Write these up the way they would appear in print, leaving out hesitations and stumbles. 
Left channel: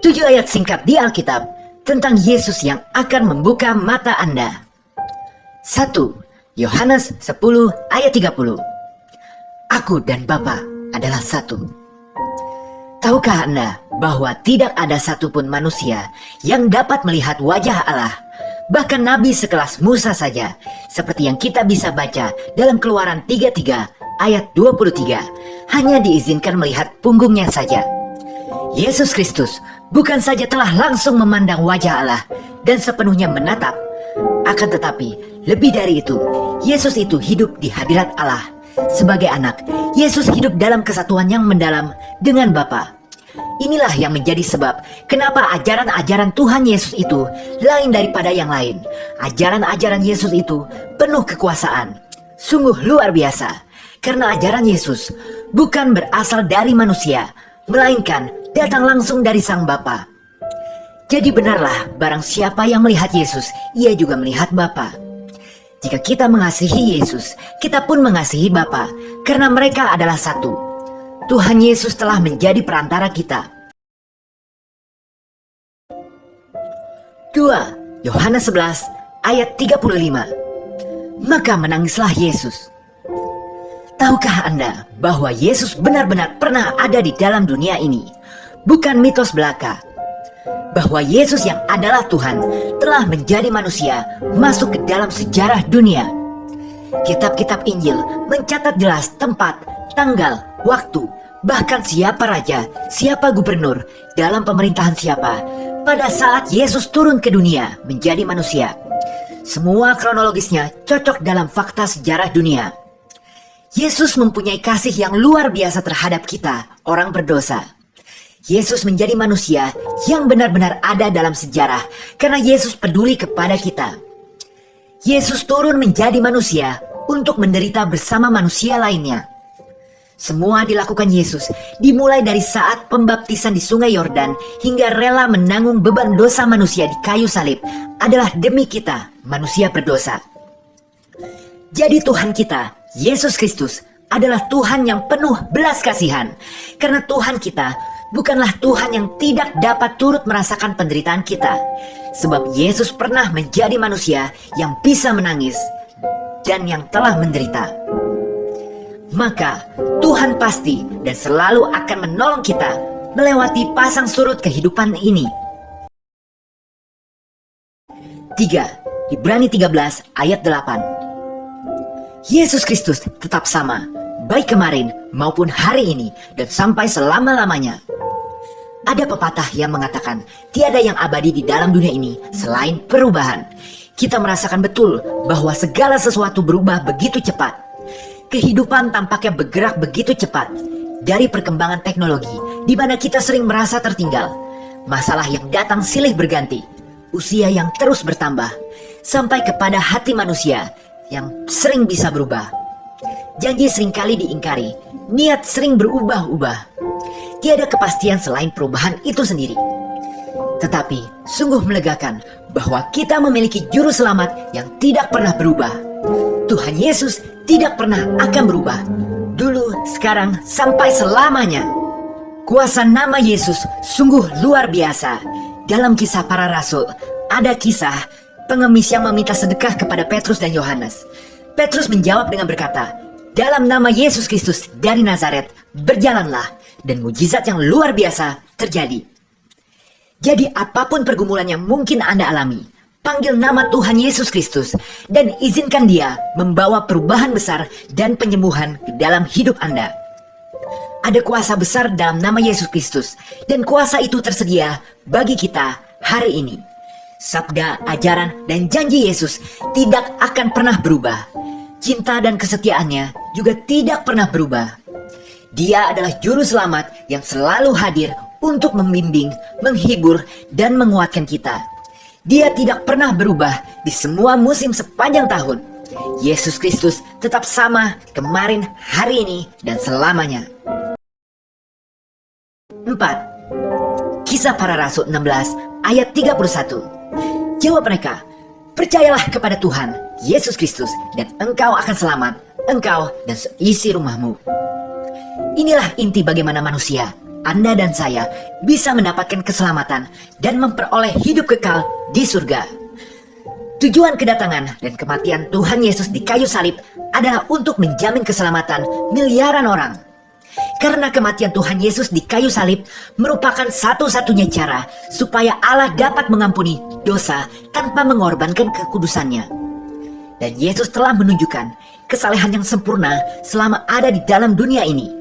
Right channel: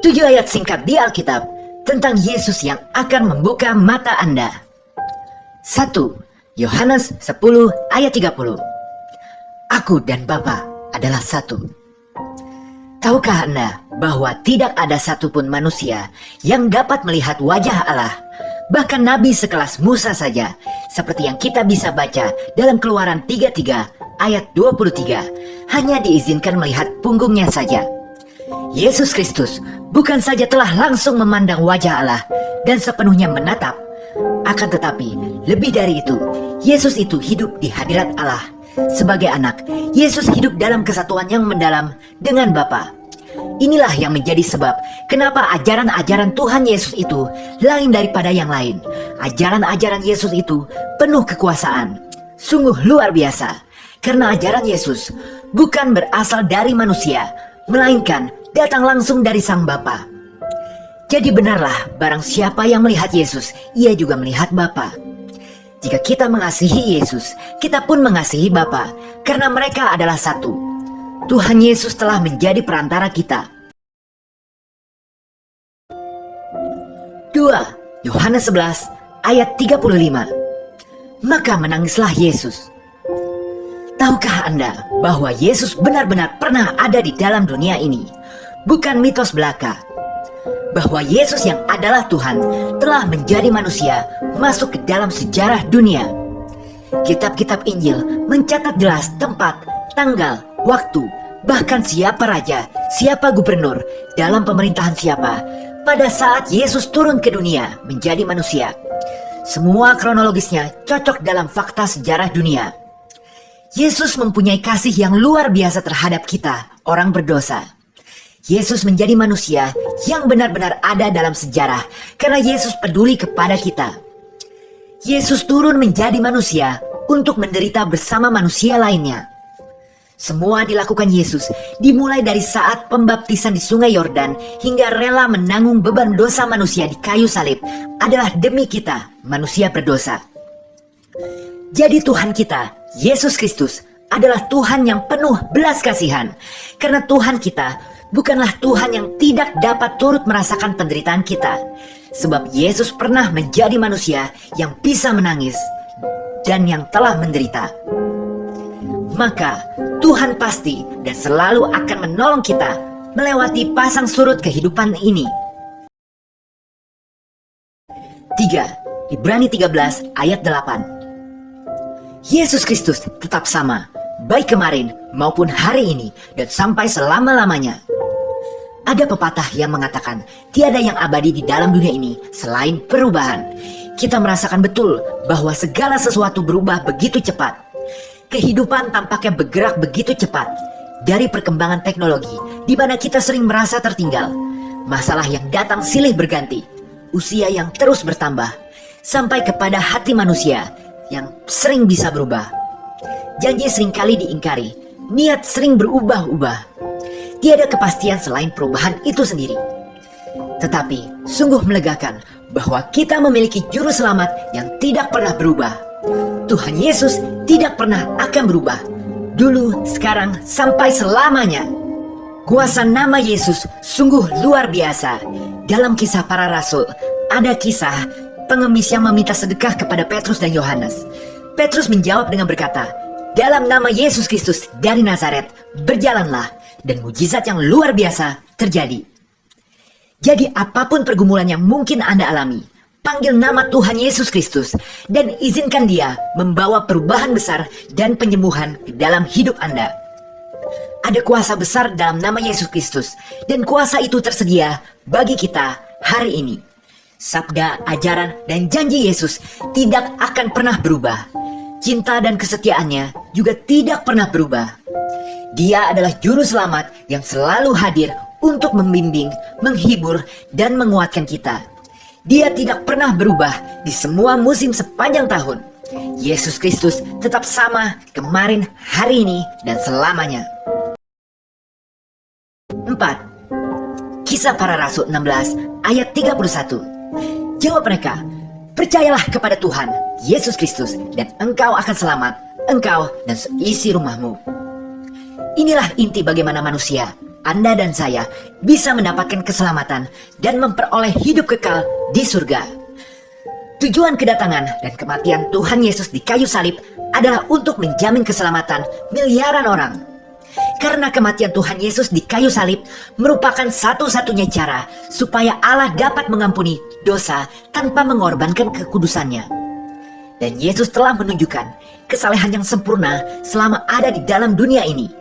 7 ayat singkat di Alkitab tentang Yesus yang akan membuka mata Anda. 1. Yohanes 10 ayat 30. Aku dan Bapa adalah satu. Tahukah Anda bahwa tidak ada satupun manusia yang dapat melihat wajah Allah? Bahkan Nabi sekelas Musa saja, seperti yang kita bisa baca dalam Keluaran 33 ayat 23, hanya diizinkan melihat punggungnya saja. Yesus Kristus bukan saja telah langsung memandang wajah Allah dan sepenuhnya menatap, akan tetapi lebih dari itu, Yesus itu hidup di hadirat Allah. Sebagai anak, Yesus hidup dalam kesatuan yang mendalam dengan Bapa. Inilah yang menjadi sebab kenapa ajaran-ajaran Tuhan Yesus itu lain daripada yang lain. Ajaran-ajaran Yesus itu penuh kekuasaan. Sungguh luar biasa. Karena ajaran Yesus bukan berasal dari manusia, melainkan datang langsung dari Sang Bapa. Jadi benarlah, barang siapa yang melihat Yesus, ia juga melihat Bapa. Jika kita mengasihi Yesus, kita pun mengasihi Bapa, karena mereka adalah satu. Tuhan Yesus telah menjadi perantara kita. 2. Yohanes 11 ayat 35. Maka menangislah Yesus. Tahukah Anda bahwa Yesus benar-benar pernah ada di dalam dunia ini? Bukan mitos belaka. Bahwa Yesus yang adalah Tuhan telah menjadi manusia masuk ke dalam sejarah dunia. Kitab-kitab Injil mencatat jelas tempat, tanggal, waktu, bahkan siapa raja, siapa gubernur, dalam pemerintahan siapa, pada saat Yesus turun ke dunia menjadi manusia. Semua kronologisnya cocok dalam fakta sejarah dunia. Yesus mempunyai kasih yang luar biasa terhadap kita, orang berdosa. Yesus menjadi manusia yang benar-benar ada dalam sejarah karena Yesus peduli kepada kita. Yesus turun menjadi manusia untuk menderita bersama manusia lainnya. Semua dilakukan Yesus dimulai dari saat pembaptisan di Sungai Yordan hingga rela menanggung beban dosa manusia di kayu salib adalah demi kita, manusia berdosa. Jadi Tuhan kita, Yesus Kristus, adalah Tuhan yang penuh belas kasihan. Karena Tuhan kita bukanlah Tuhan yang tidak dapat turut merasakan penderitaan kita. Sebab Yesus pernah menjadi manusia yang bisa menangis dan yang telah menderita. Maka Tuhan pasti dan selalu akan menolong kita melewati pasang surut kehidupan ini. 3. Ibrani 13 ayat 8. Yesus Kristus tetap sama, baik kemarin maupun hari ini dan sampai selama-lamanya. Ada pepatah yang mengatakan tiada yang abadi di dalam dunia ini selain perubahan. Kita merasakan betul bahwa segala sesuatu berubah begitu cepat. Kehidupan tampaknya bergerak begitu cepat. Dari perkembangan teknologi, di mana kita sering merasa tertinggal. Masalah yang datang silih berganti. Usia yang terus bertambah. Sampai kepada hati manusia yang sering bisa berubah. Janji seringkali diingkari. Niat sering berubah-ubah. Tiada kepastian selain perubahan itu sendiri. Tetapi sungguh melegakan bahwa kita memiliki juru selamat yang tidak pernah berubah. Tuhan Yesus tidak pernah akan berubah. Dulu, sekarang, sampai selamanya. Kuasa nama Yesus sungguh luar biasa. Dalam Kisah Para Rasul, ada kisah pengemis yang meminta sedekah kepada Petrus dan Yohanes. Petrus menjawab dengan berkata, dalam nama Yesus Kristus dari Nazaret, berjalanlah, dan mujizat yang luar biasa terjadi. Jadi apapun pergumulan yang mungkin Anda alami, panggil nama Tuhan Yesus Kristus dan izinkan Dia membawa perubahan besar dan penyembuhan ke dalam hidup Anda. Ada kuasa besar dalam nama Yesus Kristus dan kuasa itu tersedia bagi kita hari ini. Sabda, ajaran, dan janji Yesus tidak akan pernah berubah. Cinta dan kesetiaannya juga tidak pernah berubah. Dia adalah juru selamat yang selalu hadir untuk membimbing, menghibur, dan menguatkan kita. Dia tidak pernah berubah di semua musim sepanjang tahun. Yesus Kristus tetap sama kemarin, hari ini, dan selamanya. 4. Kisah Para Rasul 16 ayat 31. Jawab mereka, percayalah kepada Tuhan Yesus Kristus dan engkau akan selamat, engkau dan seisi rumahmu. Inilah inti bagaimana manusia, Anda dan saya bisa mendapatkan keselamatan dan memperoleh hidup kekal di surga. Tujuan kedatangan dan kematian Tuhan Yesus di kayu salib adalah untuk menjamin keselamatan miliaran orang. Karena kematian Tuhan Yesus di kayu salib merupakan satu-satunya cara supaya Allah dapat mengampuni dosa tanpa mengorbankan kekudusannya. Dan Yesus telah menunjukkan kesalehan yang sempurna selama ada di dalam dunia ini.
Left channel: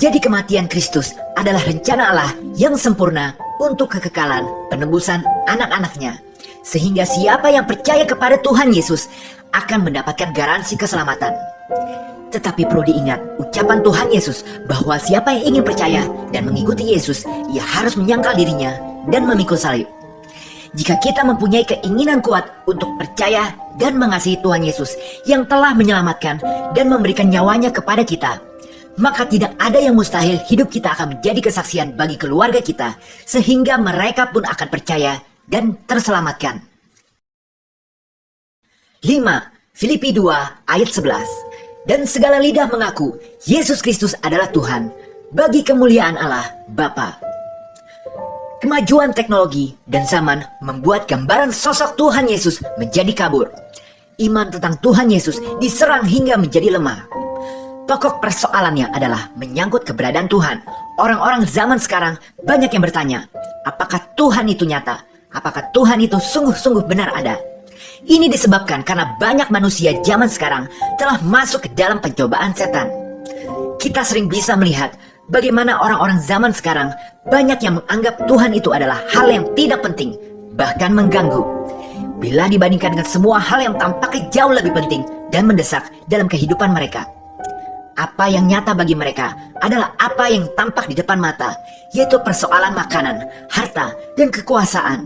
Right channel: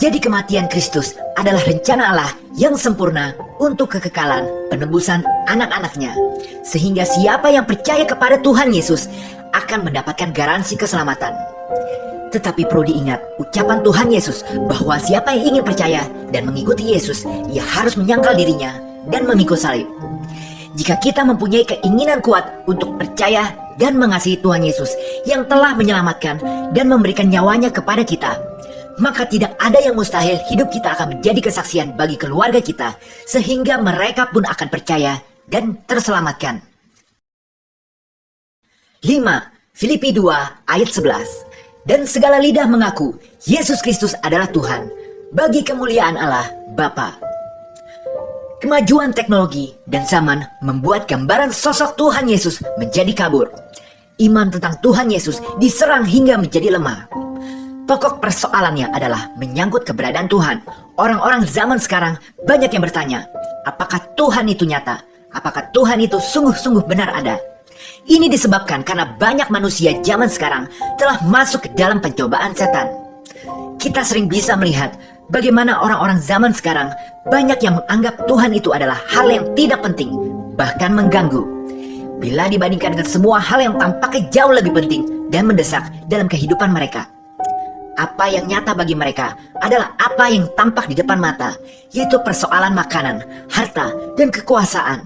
Jadi kematian Kristus adalah rencana Allah yang sempurna untuk kekekalan penebusan anak-anaknya. Sehingga siapa yang percaya kepada Tuhan Yesus akan mendapatkan garansi keselamatan. Tetapi perlu diingat ucapan Tuhan Yesus bahwa siapa yang ingin percaya dan mengikuti Yesus, ia harus menyangkal dirinya dan memikul salib. Jika kita mempunyai keinginan kuat untuk percaya dan mengasihi Tuhan Yesus yang telah menyelamatkan dan memberikan nyawanya kepada kita, maka tidak ada yang mustahil hidup kita akan menjadi kesaksian bagi keluarga kita, sehingga mereka pun akan percaya dan terselamatkan. 5. Filipi 2 ayat 11. Dan segala lidah mengaku Yesus Kristus adalah Tuhan, bagi kemuliaan Allah Bapa. Kemajuan teknologi dan zaman membuat gambaran sosok Tuhan Yesus menjadi kabur. Iman tentang Tuhan Yesus diserang hingga menjadi lemah. Pokok persoalannya adalah menyangkut keberadaan Tuhan. Orang-orang zaman sekarang banyak yang bertanya, apakah Tuhan itu nyata? Apakah Tuhan itu sungguh-sungguh benar ada? Ini disebabkan karena banyak manusia zaman sekarang telah masuk ke dalam pencobaan setan. Kita sering bisa melihat bagaimana orang-orang zaman sekarang banyak yang menganggap Tuhan itu adalah hal yang tidak penting, bahkan mengganggu. Bila dibandingkan dengan semua hal yang tampaknya jauh lebih penting dan mendesak dalam kehidupan mereka. Apa yang nyata bagi mereka adalah apa yang tampak di depan mata, yaitu persoalan makanan, harta, dan kekuasaan.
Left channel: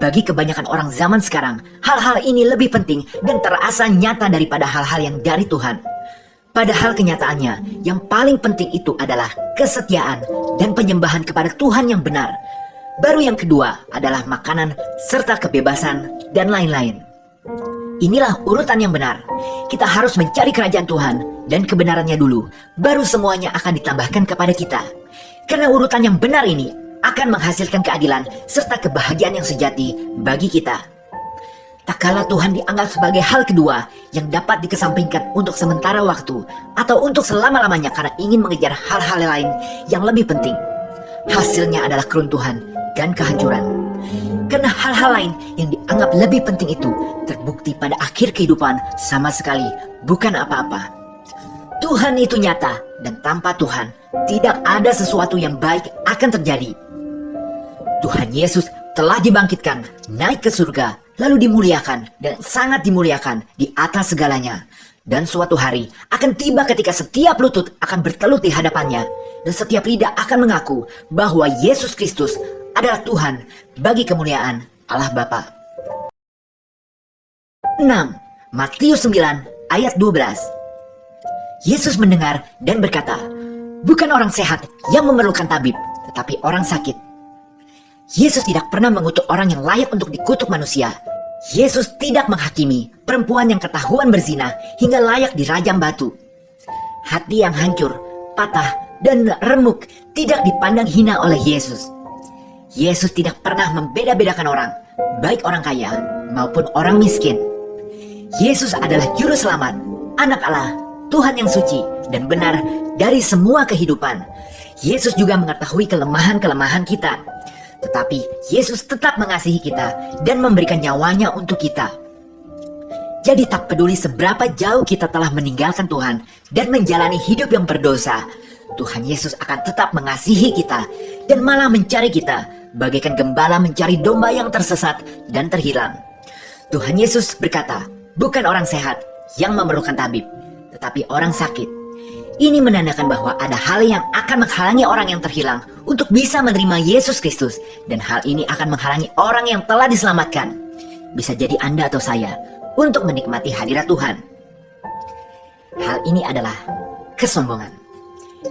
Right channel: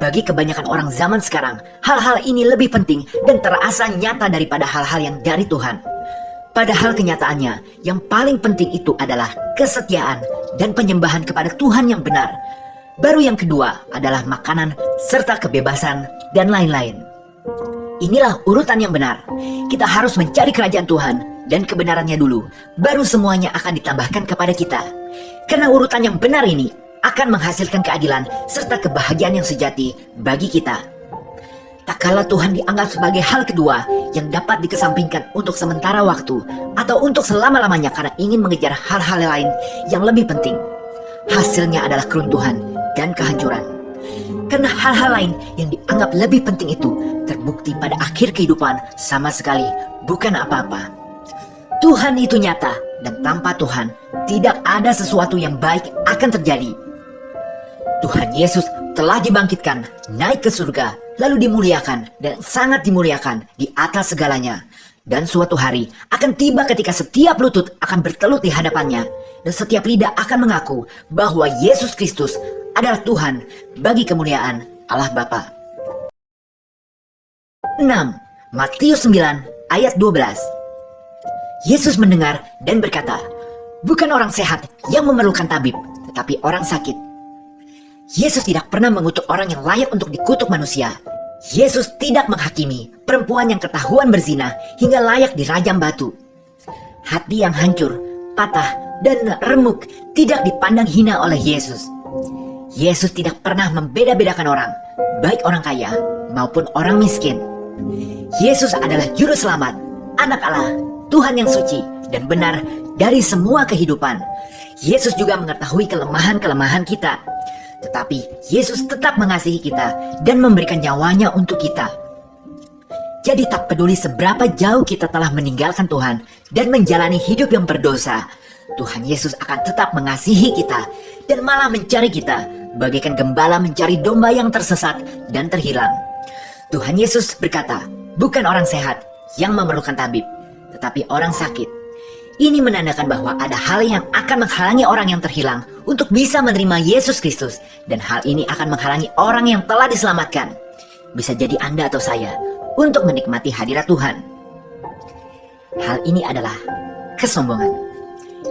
Bagi kebanyakan orang zaman sekarang, hal-hal ini lebih penting dan terasa nyata daripada hal-hal yang dari Tuhan. Padahal kenyataannya, yang paling penting itu adalah kesetiaan dan penyembahan kepada Tuhan yang benar. Baru yang kedua adalah makanan serta kebebasan dan lain-lain. Inilah urutan yang benar. Kita harus mencari kerajaan Tuhan dan kebenarannya dulu, baru semuanya akan ditambahkan kepada kita. Karena urutan yang benar ini akan menghasilkan keadilan serta kebahagiaan yang sejati bagi kita. Tak kala Tuhan dianggap sebagai hal kedua yang dapat dikesampingkan untuk sementara waktu atau untuk selama-lamanya karena ingin mengejar hal-hal lain yang lebih penting. Hasilnya adalah keruntuhan dan kehancuran. Karena hal-hal lain yang dianggap lebih penting itu terbukti pada akhir kehidupan sama sekali bukan apa-apa. Tuhan itu nyata dan tanpa Tuhan tidak ada sesuatu yang baik akan terjadi. Tuhan Yesus telah dibangkitkan, naik ke surga, lalu dimuliakan dan sangat dimuliakan di atas segalanya. Dan suatu hari akan tiba ketika setiap lutut akan bertelut di hadapannya dan setiap lidah akan mengaku bahwa Yesus Kristus adalah Tuhan bagi kemuliaan Allah Bapa. 6. Matius 9 ayat 12. Yesus mendengar dan berkata, bukan orang sehat yang memerlukan tabib, tetapi orang sakit. Yesus tidak pernah mengutuk orang yang layak untuk dikutuk manusia. Yesus tidak menghakimi perempuan yang ketahuan berzina hingga layak dirajam batu. Hati yang hancur, patah, dan remuk tidak dipandang hina oleh Yesus. Yesus tidak pernah membeda-bedakan orang, baik orang kaya maupun orang miskin. Yesus adalah juru selamat, anak Allah, Tuhan yang suci dan benar dari semua kehidupan. Yesus juga mengetahui kelemahan-kelemahan kita. Tetapi Yesus tetap mengasihi kita dan memberikan nyawanya untuk kita. Jadi tak peduli seberapa jauh kita telah meninggalkan Tuhan dan menjalani hidup yang berdosa, Tuhan Yesus akan tetap mengasihi kita dan malah mencari kita, bagaikan gembala mencari domba yang tersesat dan terhilang. Tuhan Yesus berkata, bukan orang sehat yang memerlukan tabib, tetapi orang sakit. Ini menandakan bahwa ada hal yang akan menghalangi orang yang terhilang untuk bisa menerima Yesus Kristus, dan hal ini akan menghalangi orang yang telah diselamatkan, bisa jadi Anda atau saya, untuk menikmati hadirat Tuhan. Hal ini adalah kesombongan.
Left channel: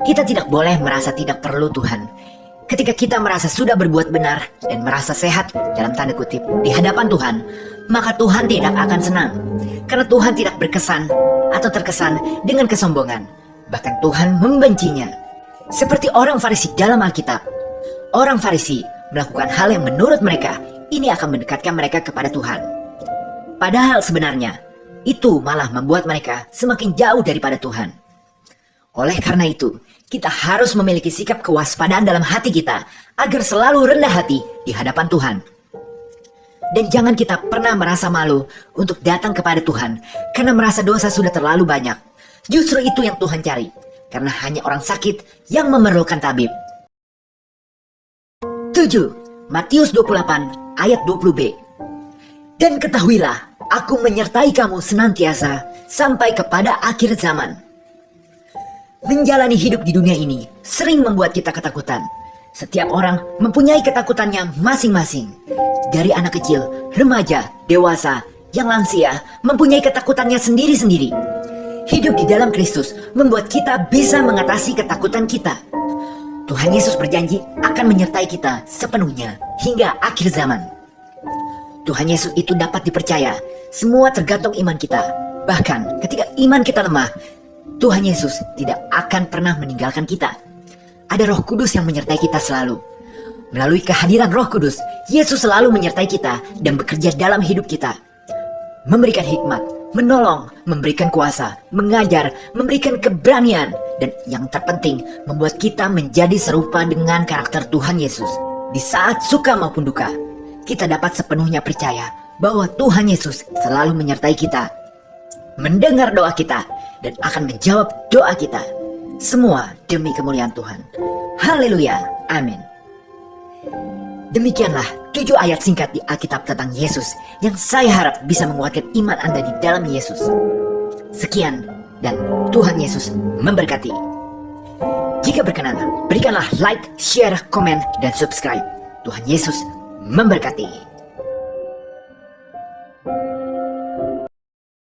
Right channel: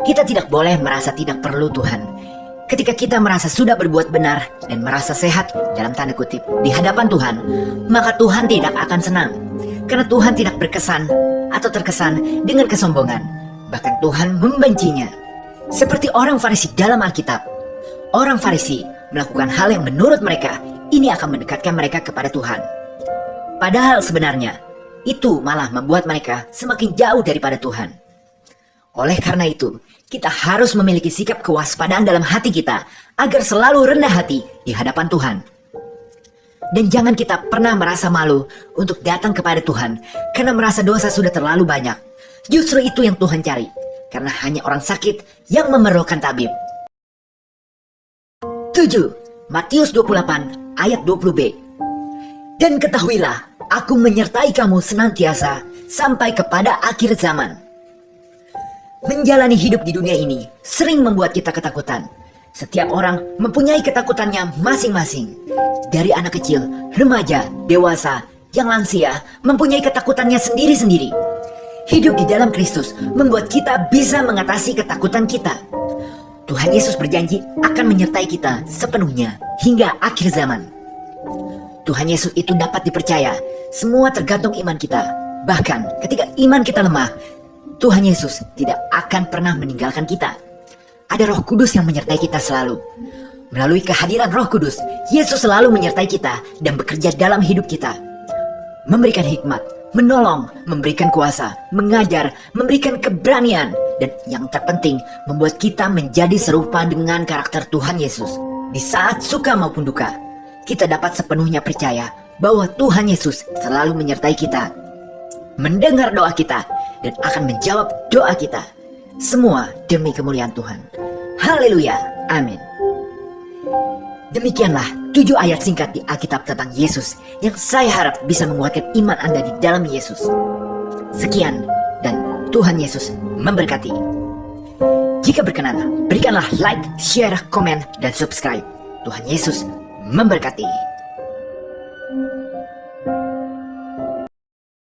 Kita tidak boleh merasa tidak perlu Tuhan. Ketika kita merasa sudah berbuat benar dan merasa sehat dalam tanda kutip di hadapan Tuhan, maka Tuhan tidak akan senang, karena Tuhan tidak berkesan atau terkesan dengan kesombongan. Bahkan Tuhan membencinya. Seperti orang Farisi dalam Alkitab, orang Farisi melakukan hal yang menurut mereka ini akan mendekatkan mereka kepada Tuhan. Padahal sebenarnya itu malah membuat mereka semakin jauh daripada Tuhan. Oleh karena itu, kita harus memiliki sikap kewaspadaan dalam hati kita agar selalu rendah hati di hadapan Tuhan. Dan jangan kita pernah merasa malu untuk datang kepada Tuhan karena merasa dosa sudah terlalu banyak. Justru itu yang Tuhan cari, karena hanya orang sakit yang memerlukan tabib. 7. Matius 28 ayat 20b. Dan ketahuilah, aku menyertai kamu senantiasa sampai kepada akhir zaman. Menjalani hidup di dunia ini sering membuat kita ketakutan. Setiap orang mempunyai ketakutannya masing-masing. Dari anak kecil, remaja, dewasa, yang lansia mempunyai ketakutannya sendiri-sendiri. Hidup di dalam Kristus membuat kita bisa mengatasi ketakutan kita. Tuhan Yesus berjanji akan menyertai kita sepenuhnya hingga akhir zaman. Tuhan Yesus itu dapat dipercaya. Semua tergantung iman kita. Bahkan ketika iman kita lemah, Tuhan Yesus tidak akan pernah meninggalkan kita. Ada Roh Kudus yang menyertai kita selalu. Melalui kehadiran Roh Kudus, Yesus selalu menyertai kita dan bekerja dalam hidup kita. Memberikan hikmat, menolong, memberikan kuasa, mengajar, memberikan keberanian, dan yang terpenting, membuat kita menjadi serupa dengan karakter Tuhan Yesus. Di saat suka maupun duka, kita dapat sepenuhnya percaya bahwa Tuhan Yesus selalu menyertai kita, mendengar doa kita, dan akan menjawab doa kita. Semua demi kemuliaan Tuhan. Haleluya, amin. Demikianlah 7 ayat singkat di Alkitab tentang Yesus yang saya harap bisa menguatkan iman Anda di dalam Yesus. Sekian, dan Tuhan Yesus memberkati. Jika berkenan, berikanlah like, share, komen, dan subscribe. Tuhan Yesus memberkati.